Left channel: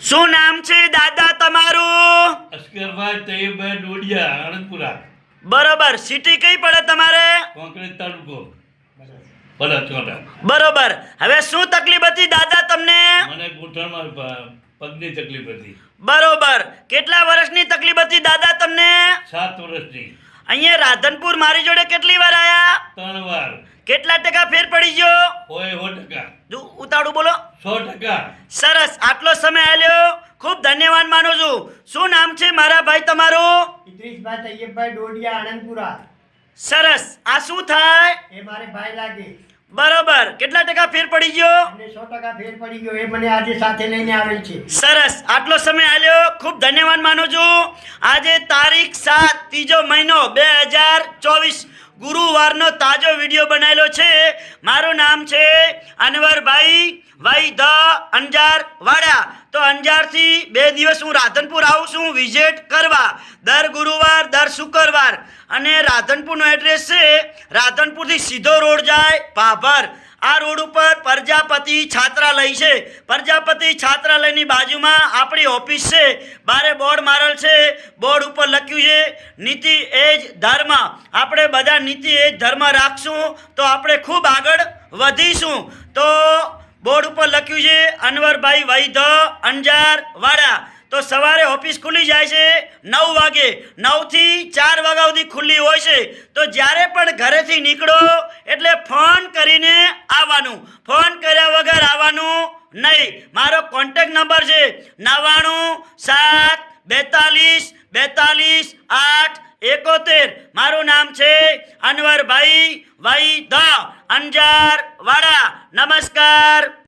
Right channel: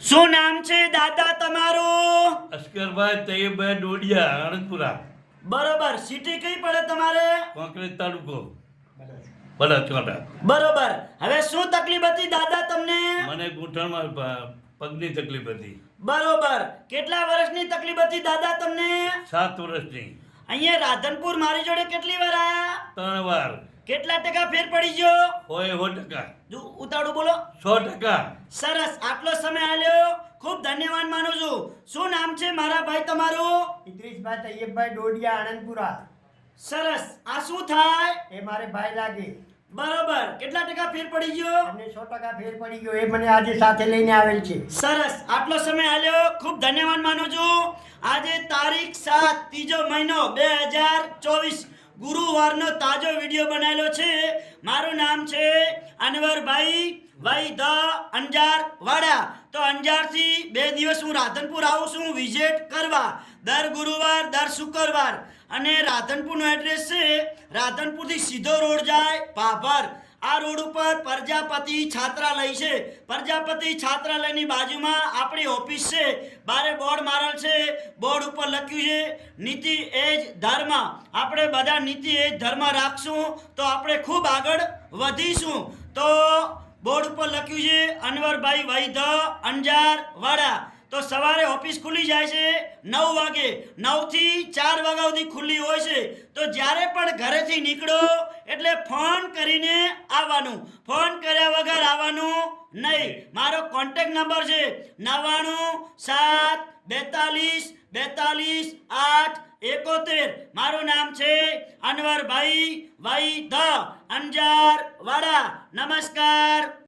શું નામ છે દાદા તમારું? અસ્કરભાઈ તૈયબભાઈ ડોડિયા આણંદપુરા બરોબર સિટી કઈ પડે તમારે? કોંકરેજ તાલુકો. બરોબર હવે શું તકલીફ હતી દાદા તમને? મને ગૂંઠણમાં પગની તકલીફ હતી. બરોબર કેટલા વર્ષની તકલીફ હતી દાદા તમને? સાત વર્ષની. અહીંયા રાધનપુર મારી જોડે કેટલી વાર આયા? ત્રણ વાર. કેટલા ટકા ફેર પડી ગયો? હોય સો ટકા. જો ઉતાળું બોલો. સો ટકા. સરસ આટલો સમય આલ્યો. ખૂબ ધન્યવાદ માનું છું. શું નામ છે મારા ભાઈ તમારું? ઇદ્રીસભાઈ તૈયબભાઈ ડોડિયા આનંદપુરા સરસ. આ શું થાય? એ મારે ભાઈ લાગે. બરોબર. કેટલા ટકા ફેર પડી ગયો? સો ટકા ફેર પડી ગયો. એ મને આજે સાથે લઈને આવેલ છે. સરસ. આટલો સમય આલ્યો. ખૂબ ધન્યવાદ માનું છું. આજે તારીખ સાત, ત્રીજો મહિનો બે હજાર ચોવીસ. ગુરુવારનો તાજો વીડિયો બનાવેલો છે. મારું નામ છે અનવરભાઈ વાઈ ધ અંજાર વાડા તો અંજારથી બે દિવસ હું રાધનપુર આવું છું, વિઝિટ કરવા. દર ગુરુવાર, દર શુક્રવાર. અને રાધનપુરનું એડ્રેસ છે, રાધનપુરથી સીધો રોડ જાય, પાભર. આ રોડ ઉપર પ્રજાપતિ છાત્રાલય છે. પ્રજાપતિ છાત્રાલયની બાજુમાં આપણી ઓફિસ છે. બારે બોર્ડ મારેલ છે. બોર્ડ ઉપર લખ્યું છે, નીતિ એજ ધર્મ. આપણે બધા નીતિ એજ ધર્મ રાખશું. તો આપણે ખૂબ આગળ વધીશું. તો બોર્ડ ઉપર લખ્યું છે, અનવરભાઈ વૈધ અંજાર વાડા તો સવારે ઓફિસ ખુલી જાય છે, નવ વાગે. નવથી ચાર વાગ્યા સુધી ખુલ્લી હોય છે. તો જ્યારે પણ ઘરેથી નીકળો, એટલે ફોન કરીને આવવાનું. ફોન કર્યા વગર આવવાનું નહીં. મારો કોન્ટેક નંબર છે નવ્વાણું, સાત, બેતાલીસ બેતાલીસ, આઠ, એકોતેર. મારું નામ છે અનવરભાઈ વાઈ ધ અંજાર વાડા નમસ્કાર.